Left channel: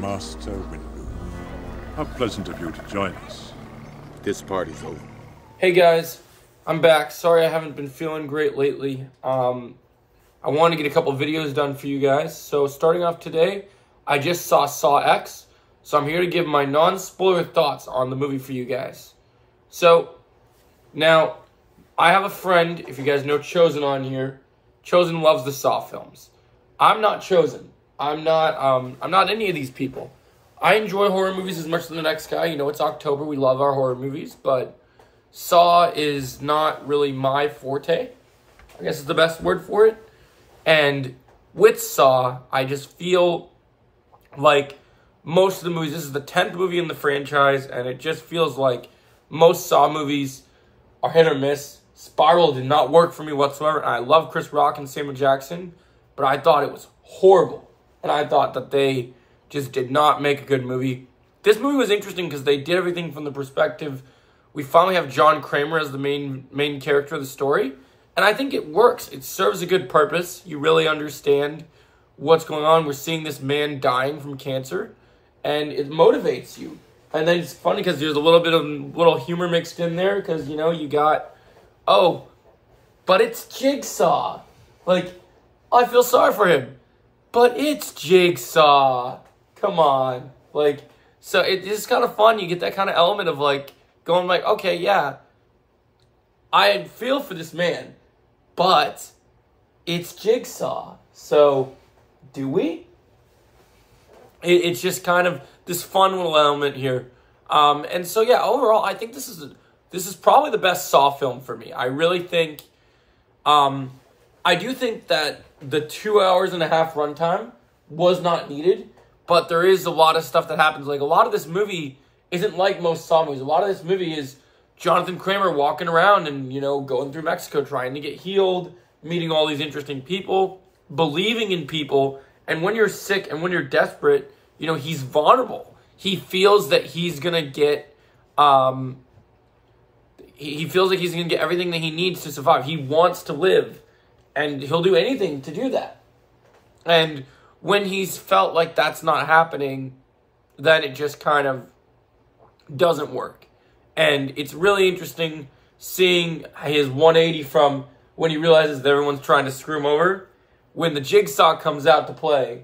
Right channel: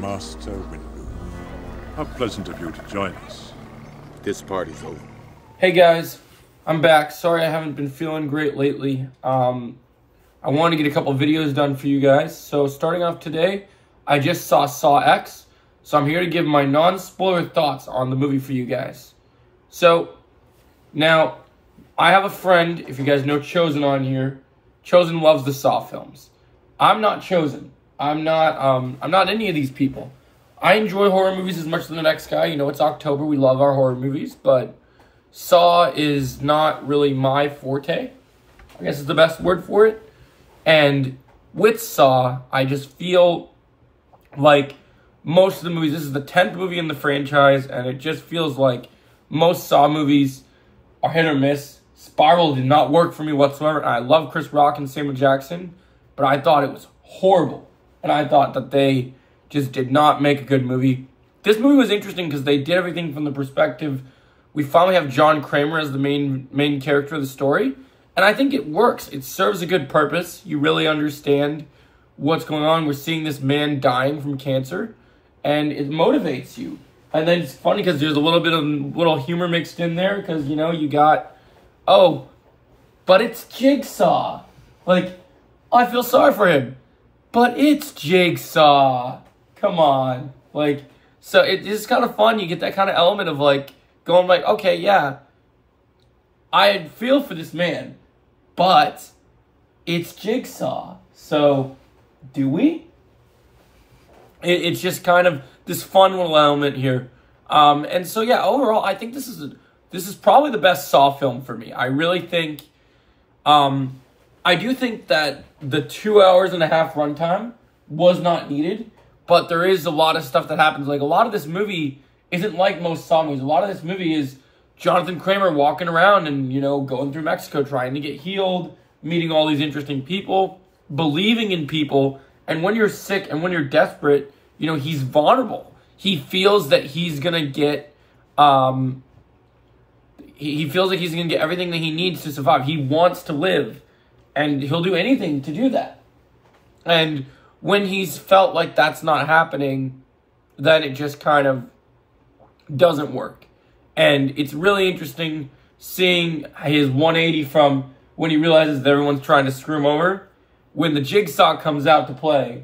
Master Windu. How pleasant of you to join us. This party's over. Hey guys, I'm back. Sorry I haven't been feeling great lately. I wanted to get a couple videos done for you guys. So starting off today, I just saw X. So I'm here to give my non-spoiler thoughts on the movie for you guys. So now, I have a friend, if you guys know Chosen on here. Chosen loves the Saw films. I'm not Chosen. I'm not any of these people. I enjoy horror movies as much as the next guy. You know, it's October. We love our horror movies. But Saw is not really my forte. I guess is the best word for it. And with Saw, I just feel like most of the movies, this is the 10th movie in the franchise, and it just feels like most Saw movies are hit or miss. Spiral did not work for me whatsoever. I love Chris Rock and Samuel Jackson, but I thought it was horrible. And I thought that they just did not make a good movie. This movie was interesting because they did everything from the perspective. We finally have John Kramer as the main character of the story. And I think it works. It serves a good purpose. You really understand what's going on. We're seeing this man dying from cancer. And it motivates you. And then it's funny because there's a little bit of little humor mixed in there. Because, you know, you got, oh, but it's Jigsaw. Like, I feel sorry for him. But it's Jigsaw. Come on. Like, so it's kind of fun. You get that kind of element of, like, going like, okay, yeah, I feel for this man. But it's Jigsaw. So, do we? It's just kind of this fun little element here. And so, yeah, overall, I think this is probably the best Saw film for me. I really think, I do think that the 2 hours and a half runtime was not needed, but there is a lot of stuff that happens. Like, a lot of this movie isn't like most Saw movies. A lot of this movie is Jonathan Kramer walking around and, you know, going through Mexico, trying to get healed, meeting all these interesting people, believing in people. And when you're sick and when you're desperate, you know, he's vulnerable. He feels that he's going to get, he feels like he's going to get everything that he needs to survive. He wants to live. And he'll do anything to do that. And when he's felt like that's not happening, then it just kind of doesn't work. And it's really interesting seeing his 180 from when he realizes that everyone's trying to screw him over. When the Jigsaw comes out to play,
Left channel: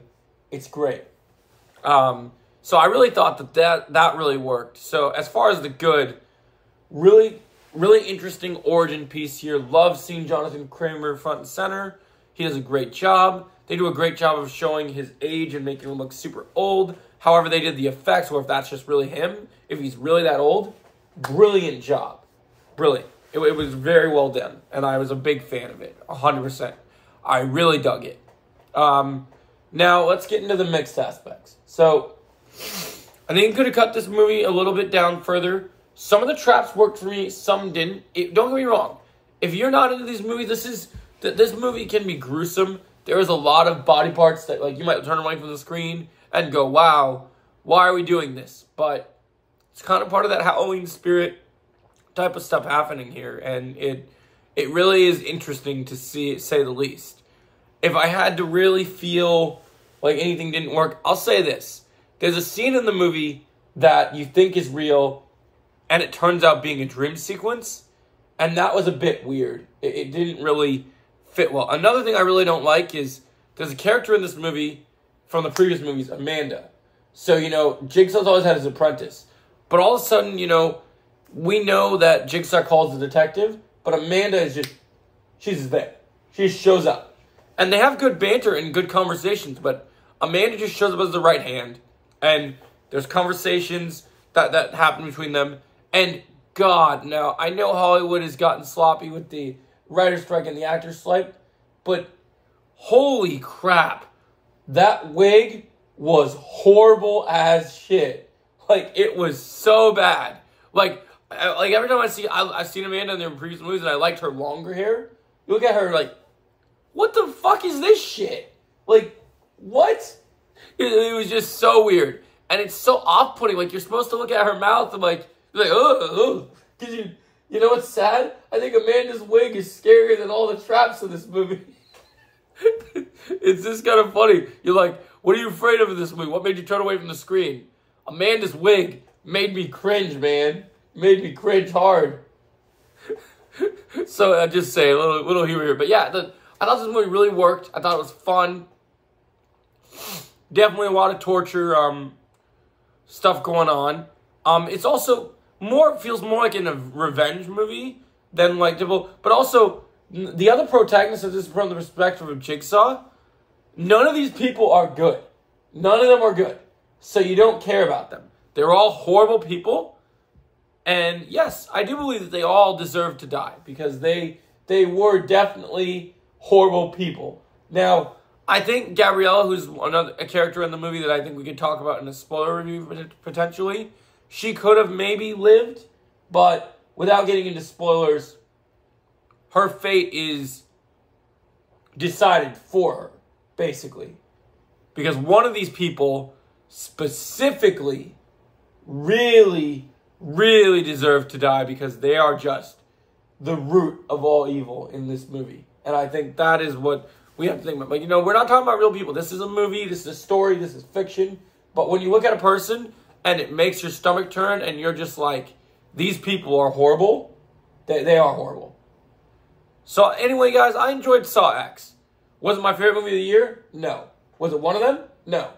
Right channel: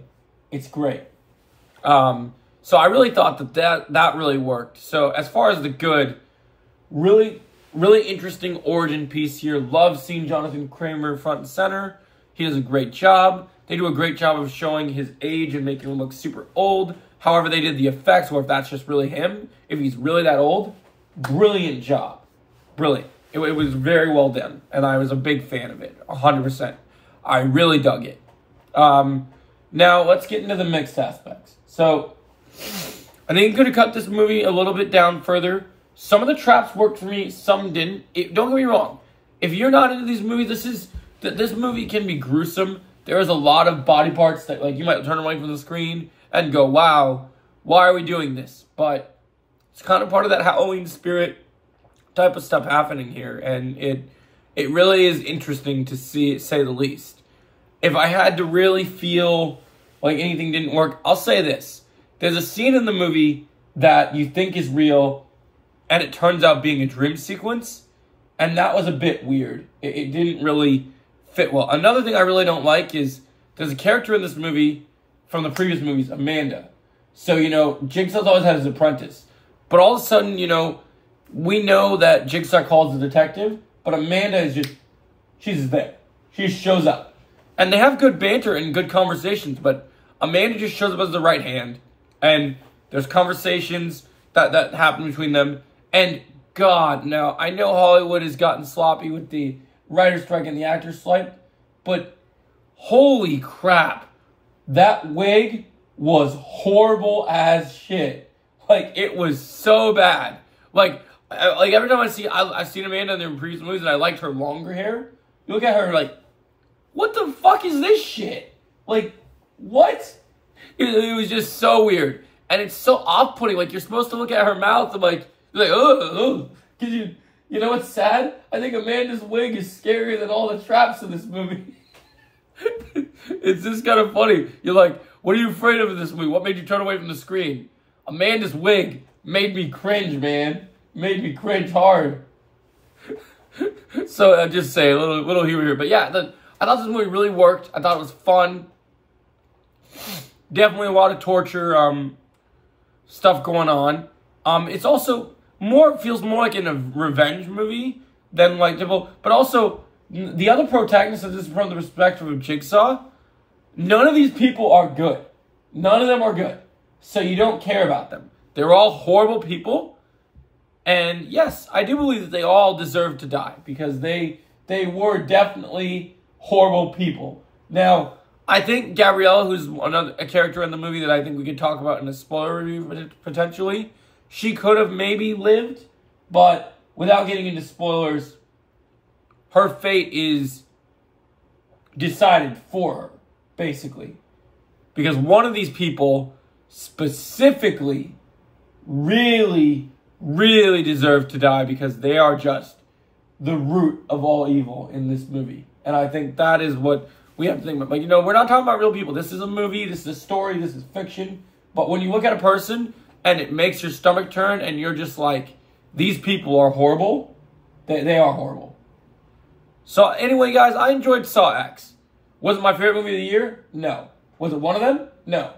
it's great. So I really thought that really worked. So as far as the good, really interesting origin piece here. Love seeing Jonathan Kramer front and center. He does a great job. They do a great job of showing his age and making him look super old. However they did the effects, or if that's just really him, if he's really that old, brilliant job. Brilliant. It was very well done, and I was a big fan of it, 100%. I really dug it. Now, let's get into the mixed aspects. So, I think I'm going to cut this movie a little bit down further. Some of the traps worked for me, some didn't. Don't get me wrong. If you're not into these movies, this movie can be gruesome. There is a lot of body parts that, like, you might turn away from the screen and go, wow, why are we doing this? But it's kind of part of that Halloween spirit type of stuff happening here. And it really is interesting to see, say the least. If I had to really feel like anything didn't work, I'll say this. There's a scene in the movie that you think is real, and it turns out being a dream sequence, and that was a bit weird. It didn't really fit well. Another thing I really don't like is there's a character in this movie from the previous movies, Amanda. So, you know, Jigsaw's always had his apprentice. But all of a sudden, you know, we know that Jigsaw calls the detective, but Amanda is just, she's just there. She just shows up. And they have good banter and good conversations, but Amanda just shows up as the right hand. And there's conversations that happen between them. And God, now, I know Hollywood has gotten sloppy with the writer's strike and the actor's strike, but holy crap, that wig was horrible as shit. Like, it was so bad. Like every time I've seen Amanda in their previous movies and I liked her longer hair, you look at her like, what the fuck is this shit? Like, what? It was just so weird. And it's so off-putting. Like, you're supposed to look at her mouth and like, you're like, oh. Cause you know what's sad? I think Amanda's wig is scarier than all the traps in this movie. It's just kind of funny. You're like, What are you afraid of in this movie? What made you turn away from the screen? Amanda's wig made me cringe, man. Made me cringe hard. So I just say a little humor here. But yeah, I thought this movie really worked. I thought it was fun. Definitely a lot of torture stuff going on. It's also feels more like in a revenge movie than like but also the other protagonists of this, from the perspective of Jigsaw, none of these people are good. None of them are good. So you don't care about them. They're all horrible people. And yes, I do believe that they all deserve to die because they were definitely horrible people. Now, I think Gabriella, who's a character in the movie that I think we could talk about in a spoiler review potentially, she could have maybe lived, but without getting into spoilers, her fate is decided for her, basically. Because one of these people specifically really, really deserve to die because they are just the root of all evil in this movie. And I think that is what we have to think about. But, you know, we're not talking about real people. This is a movie. This is a story. This is fiction. But when you look at a person and it makes your stomach turn and you're just like, these people are horrible, they are horrible. So anyway, guys, I enjoyed Saw X. Was it my favorite movie of the year? No. Was it one of them? No.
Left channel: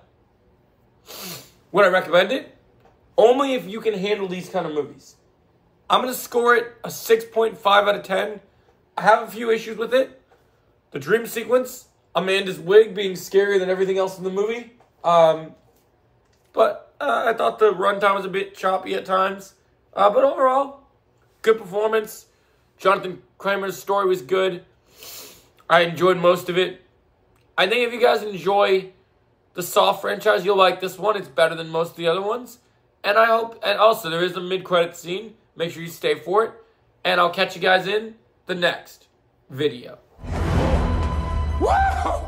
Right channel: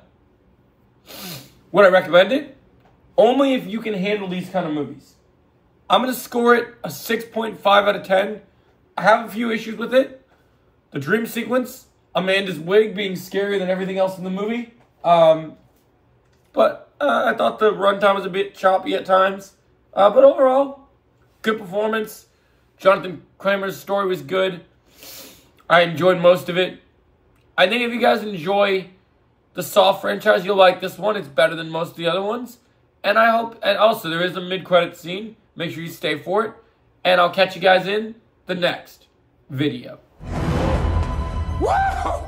Would I recommend it? Only if you can handle these kind of movies. I'm going to score it a 6.5 out of 10. I have a few issues with it. The dream sequence, Amanda's wig being scarier than everything else in the movie. But I thought the runtime was a bit choppy at times. But overall, good performance. Jonathan Kramer's story was good. I enjoyed most of it. I think if you guys enjoy the Saw franchise, you'll like this one. It's better than most of the other ones. And I hope, and also there is a mid-credit scene. Make sure you stay for it. And I'll catch you guys in the next video. Woo!